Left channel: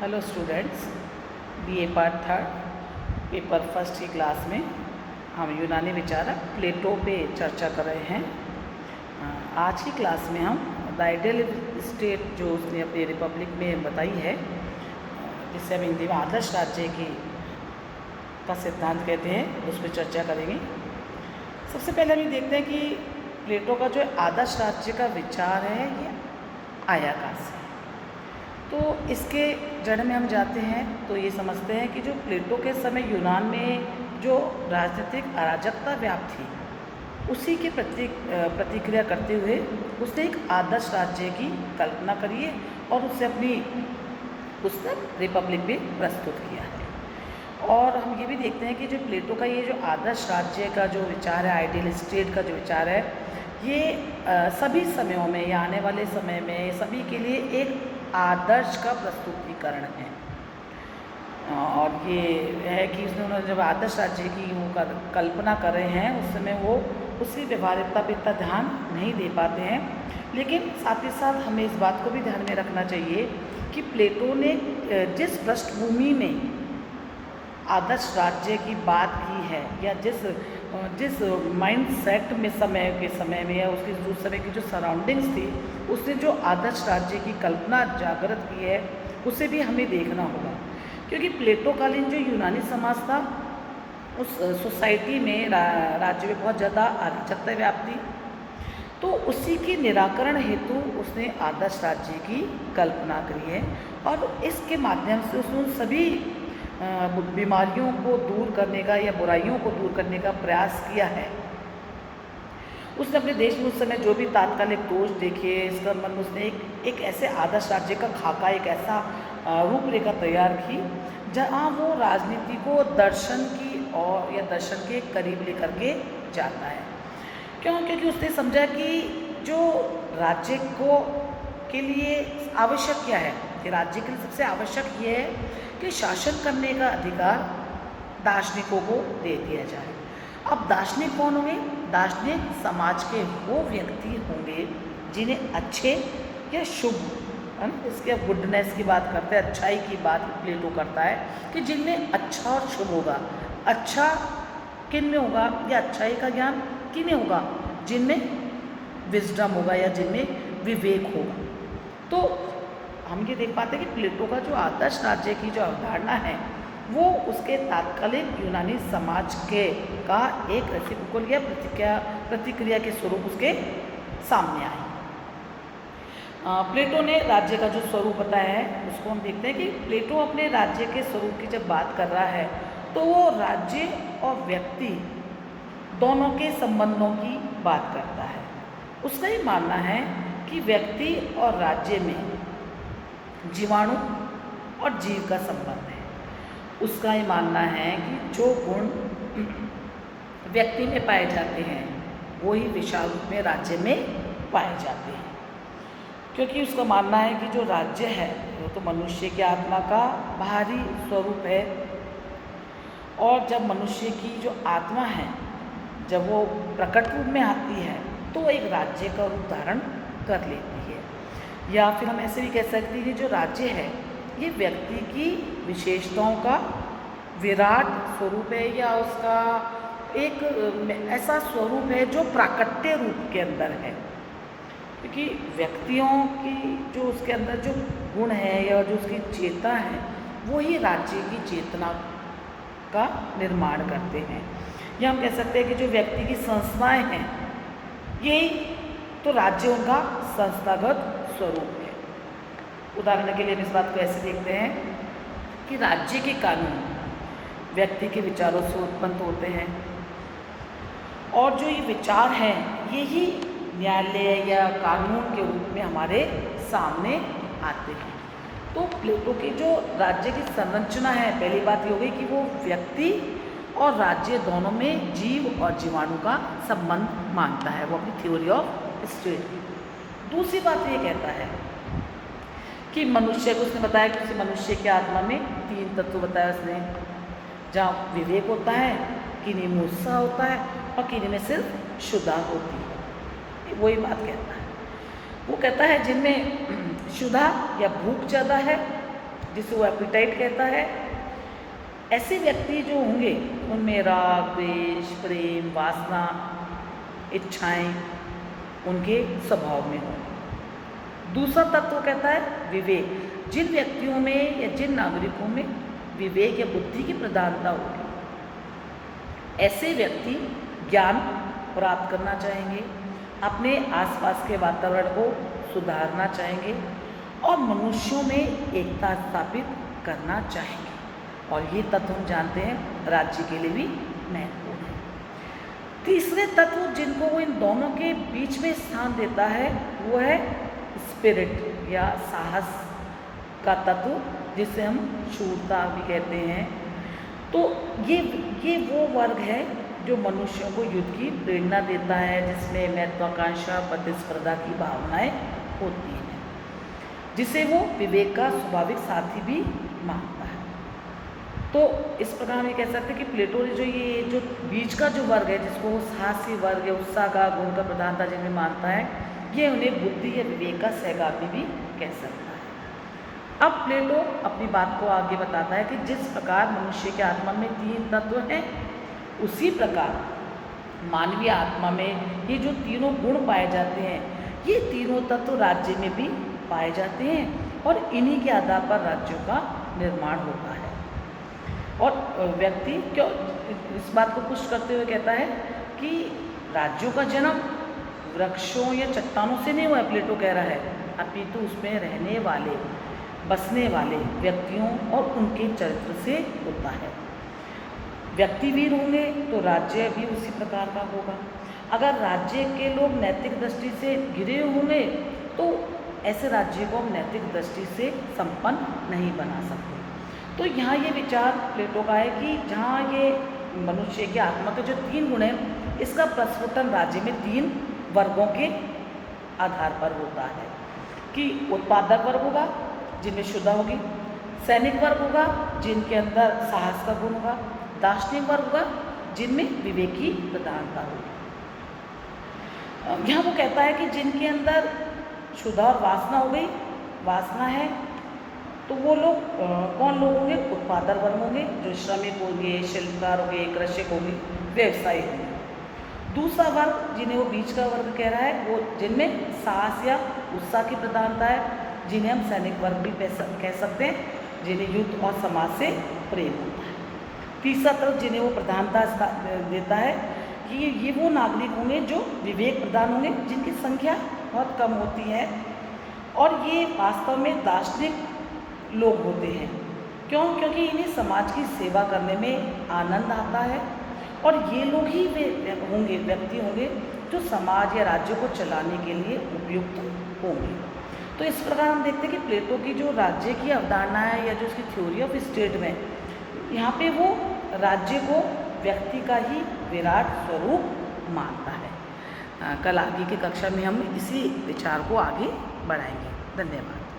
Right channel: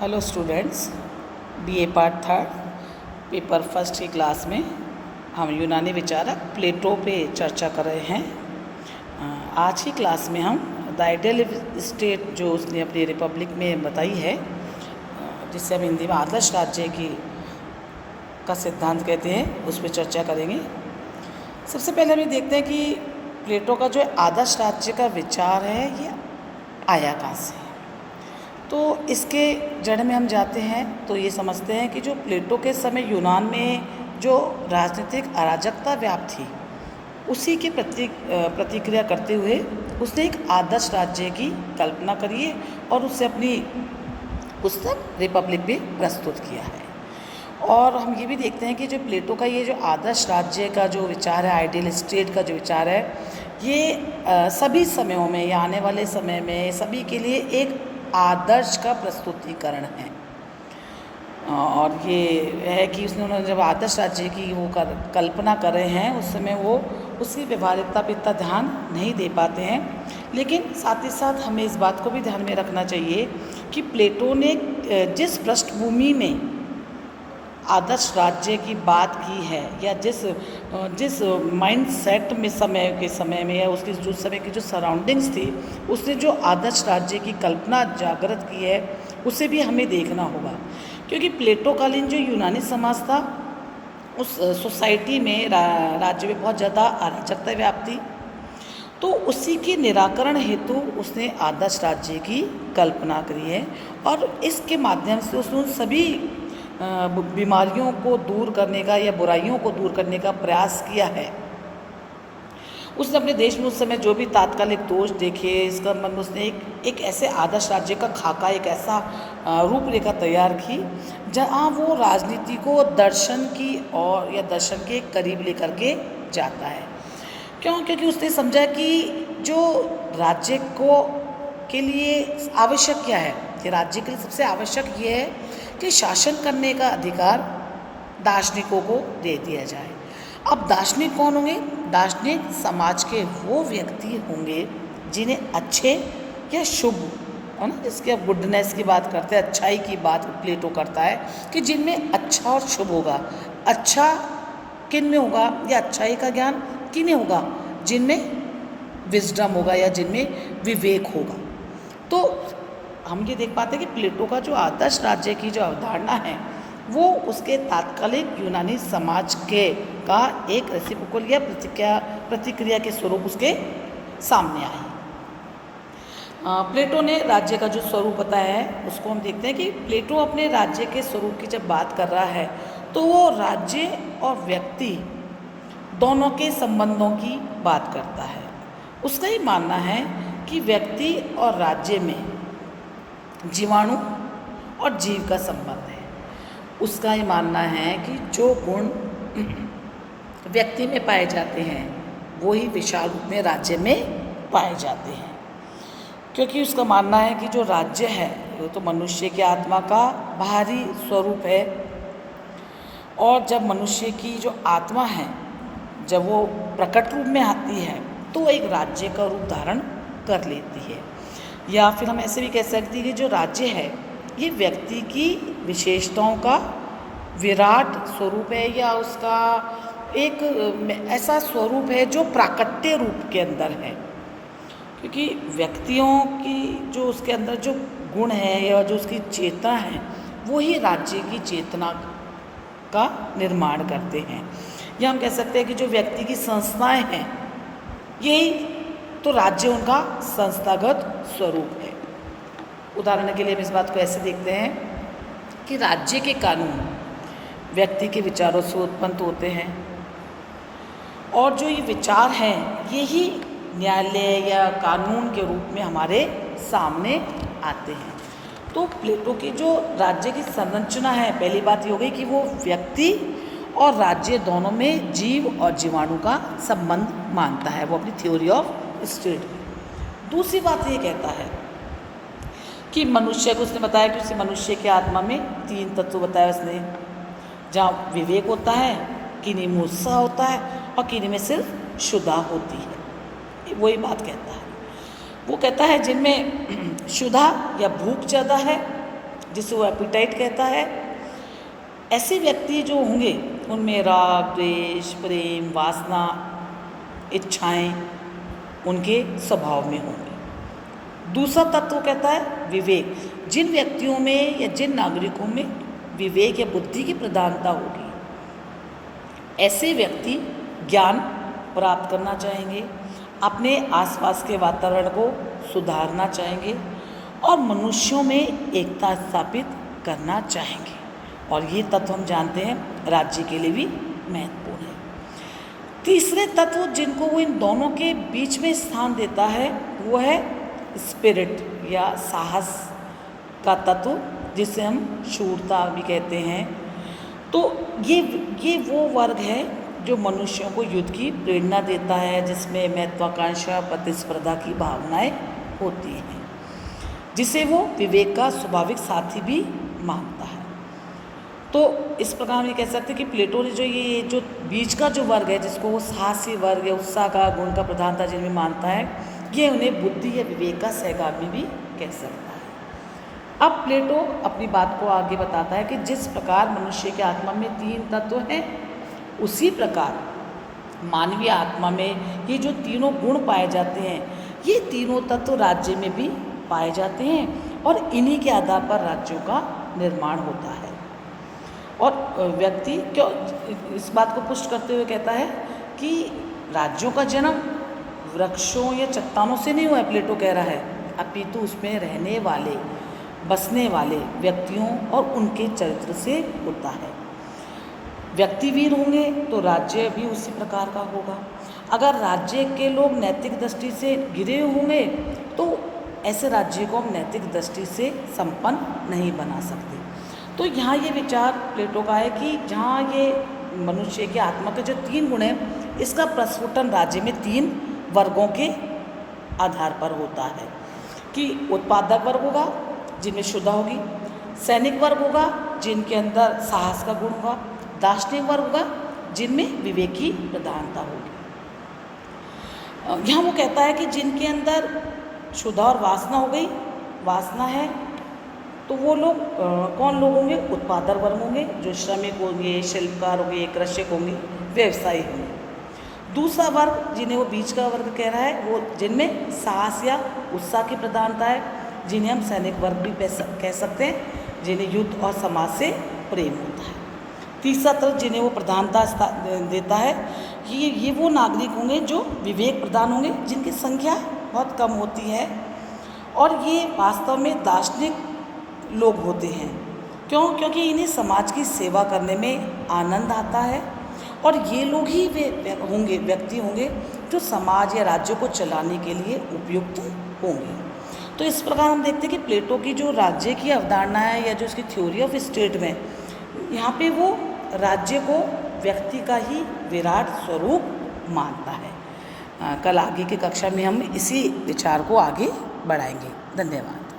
Hello students, BA part third paper first की class में हम यूनानी विचारक प्लेटो पे चर्चा कर रहे हैं। आज की क्लास में हम द आइडियल स्टेट जो उसने अपनी रिपब्लिक में बताई है, जिससे हम हिंदी में आदर्श राज्य का सिद्धांत कहते हैं, उस पर चर्चा करेंगे। सबसे पहले हम ये देखते हैं कि प्लेटो का जो आदर्श राज्य का विचार है ये आया कहाँ से। तो इसके जड़ में हम जाते हैं तो ये समझते हैं कि जो प्लेटो के समय यूनान में जो राजनीतिक अराजकता व्याप्त थी, उसी की प्रतिक्रिया करते हुए उसने एक आदर्श राज्य की कल्पना करी है और उससे अपनी पुस्तक रिपब्लिक भी प्रस्तुत किया है। और हम ये भी देखते हैं कि जो प्लेटो का ये जो आदर्श राज्य का जो विचार है, आइडियल स्टेट का जो विचार है, ये सभी समयों में या आने वाले समय में सभी के लिए एक आदर्श का प्रस्तुतिकरण है। और ये है कि उन्होंने जब आदर्श राज्य की वो कल्पना कर रहे हैं, उस समय वो उसकी व्यवहारिकता पर इतना ध्यान नहीं दे पाते हैं। लेकिन साथ ही साथ हमें इस बात को भी ध्यान में रखना चाहिए कि प्लेटो ने जिस पृष्ठभूमि में आदर्श राज्य की बात की है या जिस माइंड सेट में समय में या उसकी जो समय की जो सराउंडिंग्स थी, उसने जो आदर्श राज्य की कल्पना जागृत की है, उसे भी हमें देखना होगा। क्योंकि प्लेटो कालीन जो यूनानी समाज था, उस सोसाइटी में राज्य में बहुत ज़्यादा अराजकता व्याप्त थी। तो उसी के निराकरण हेतु उसने आदर्श राज्य की कल्पना करी है और इसके माध्यम से उसने उन सभी बीमारियों को दूर करने का या बुराइयों को दूर करने का प्रयास किया है। उसने अपने देश में उस समय जो भी तात्कालिक दोष देखे, इसका मतलब उसने एक ऐसे आदर्श राज्य का खाका, एक ऐसा रूपरेखा तैयार की जहाँ वो राजनीति को दर्शन की और या दर्शन के करीब लेकर के जाता है। क्यों? क्योंकि उसने समझा कि जो राज्य के लिए आवश्यक क्या है, कि राज्य के लिए सबसे आवश्यक ये है कि शासन करने का अधिकार दार्शनिकों को दे दिया जाए। अब दार्शनिक कौन होंगे? दार्शनिक समाज के वो व्यक्ति होंगे जिन्हें अच्छे या शुभ, है ना, जिसके गुडनेस की बात करते हैं, अच्छाई की बात प्लेटो करता है कि जिनमें अच्छा और शुभ होगा। अच्छा किन में होगा या अच्छाई का ज्ञान किन्हें होगा? जिनमें विजडम होगा या जिनमें विवेक होगा। तो हम ये देख पाते हैं कि प्लेटो का जो आदर्श राज्य की जो अवधारणा है, वो उसके तात्कालिक यूनानी समाज का एक रेसिप्रोकल या प्रतिक्रिया के स्वरूप उसके सामने आई। प्लेटो ने राज्य का जो स्वरूप बताया है, उसको हम देखते हैं कि प्लेटो अपने राज्य के स्वरूप की जब बात कर रहा है, तो वो राज्य और व्यक्ति दोनों के संबंधों की बात करता है। उसका ही मानना है कि व्यक्ति और राज्य में जीवाणु और जीव का संबंध है। उसका ही मानना है कि जो गुण व्यक्ति में पाए जाते हैं, वो ही विशाल रूप में राज्य में पाए जाते हैं। क्योंकि उसका मानना है कि जो राज्य है वो तो मनुष्य की आत्मा का बाहरी स्वरूप है, और जब मनुष्य की जो आत्मा है, जब वो प्रकट रूप में आती है, तो एक राज्य का रूप धारण कर लेती है। या फिर हम ऐसे भी कह सकते हैं कि जो राज्य है ये व्यक्ति की विशेषताओं का विराट स्वरूप है, या उसका एक ऐसा स्वरूप है जो प्राकट्य रूप के अंदर है। क्योंकि व्यक्तियों की जो उसके अंदर जो गुण है या जो उसकी चेतना है, वो ही राज्य की चेतना का निर्माण करते हैं। या हम कह सकते हैं कि जो व्यक्ति की संस्थाएं हैं, यही तो राज्य उनका संस्थागत स्वरूप है। उदाहरण के लिए हम इस बात को ऐसे देखते हैं कि राज्य के कानून व्यक्ति के विचारों से उत्पन्न होते हैं, और जो ये विचार हैं यही न्यायालय या कानून के रूप में हमारे सामने आते हैं। तो प्लेटो की जो राज्य की संरचना है, पहली बात ये हो गई कि वो व्यक्ति और राज्य दोनों में जीव और जीवाणु का संबंध मानता है, वो अपनी थ्योरी ऑफ स्टेट। दूसरी बात ये कहता है कि मनुष्य को, उसने बताया कि उसे मनुष्य की आत्मा में 3 तत्व बताया उसने, जहाँ विवेक होता है, किन्हीं में उत्साह होता है और किन्हीं में सिर्फ क्षुधा होती है। वही बात कहता है। वो कहता है जिनमें क्षुधा या भूख ज़्यादा है जिसे वो एपिटाइट कहता है। ऐसे व्यक्ति जो होंगे उनमें राग, द्वेष, प्रेम, वासना, इच्छाएं उनके स्वभाव में होंगी। दूसरा तत्व कहता है विवेक। जिन व्यक्तियों में या जिन नागरिकों में विवेक या बुद्धि की प्रधानता होगी, ऐसे व्यक्ति ज्ञान प्राप्त करना चाहेंगे, अपने आसपास के वातावरण को सुधारना चाहेंगे और मनुष्यों में एकता स्थापित करना चाहेंगे। और ये तत्व हम जानते हैं राज्य के लिए भी महत्वपूर्ण है। तीसरे तत्व जिनको वो इन दोनों के बीच में स्थान देता है वो है स्पिरिट या साहस का तत्व, जिसे हम शूरता भी कहते हैं। तो ये वो वर्ग है जो मनुष्यों को युद्ध की प्रेरणा देता है, जिसमें महत्वाकांक्षा, प्रतिस्पर्धा की भावनाएं होती हैं, जिसे वो विवेक का स्वाभाविक साथी भी मानता है। तो इस प्रकार हम ये कह सकते हैं कि प्लेटो ने जो बीच का जो वर्ग है, जिसको वो साहसी वर्ग या उत्साह का गुण का प्रधानता जिनमें मानता है, ये उन्हें बुद्धि या विवेक का सहगामी भी कह सकता है। अब प्लेटो अपनी बात को आगे बताता है कि जिस प्रकार मनुष्य की आत्मा में 3 तत्व हैं, उसी प्रकार मानवीय आत्मा में ये जो तीनों गुण पाए जाते हैं, ये तीनों तत्व राज्य में भी पाए जाते हैं और इन्हीं के आधार पर राज्यों का निर्माण होता है। और व्यक्ति क्यों इस बात को पुष्ट करते हुए कहता है कि राज्यों का जन्म वृक्षों या चट्टानों से नहीं हुआ है, प्लेटो कह रहा है, अपितु उसमें रहने वाले, बसने वाले व्यक्तियों और उनके चरित्र से होता है। व्यक्ति वीर होंगे तो राज्य भी उसी प्रकार का होगा। अगर राज्य के लोग नैतिक दृष्टि से गिरे होंगे तो ऐसे राज्य को हम नैतिक दृष्टि से संपन्न नहीं बना सकते। तो यहाँ ये विचार प्लेटो का है कि जहाँ ये मनुष्य की आत्मा के जो 3 गुण हैं, इसका प्रस्फुटन राज्य में 3 वर्गों के आधार पर होता है कि उत्पादक वर्ग होगा जिनमें शुद्धता होगी, सैनिक वर्ग होगा जिनके अंदर साहस का गुण होगा, दार्शनिक वर्ग होगा जिनमें विवेक की प्रधानता होगी। यहाँ वो कहता है कि जिनके अंदर शुद्धता और वासना हो गई, वासना है, तो वो लोग कौन लोग होंगे? उत्पादक वर्ग होंगे, जो श्रमिक होंगे, शिल्पकार होंगे, कृषक होंगे, व्यवसायी होंगे। दूसरा वर्ग जिन्हें वो बीच का वर्ग कह रहा है, वो जिनमें साहस या उत्साह की प्रधानता है, जिन्हें हम सैनिक वर्ग भी कह सकते हैं, जिन्हें युद्ध और समाज से प्रेम होता है। तीसरा तरफ जिन्हें वो प्रधानता देता है, ये वो नागरिक होंगे जो विवेक प्रधान होंगे, जिनकी संख्या बहुत कम होती है और ये वास्तव में दार्शनिक लोग होते हैं। क्यों? क्योंकि इन्हें समाज की सेवा करने में आनंद आता है और ये लोग ही वे होंगे, व्यक्ति होंगे जो समाज या राज्य को चलाने के लिए उपयुक्त होंगे। तो इस प्रकार हम देखते हैं कि प्लेटो की जो राज्य की अवधारणा है या जो उसकी थ्योरी ऑफ स्टेट में, यहाँ पे वो राज्य को व्यक्ति का ही विराट स्वरूप मानता है। कल आगे की कक्षा में हम इसी विचार को आगे बढ़ाएंगे। धन्यवाद।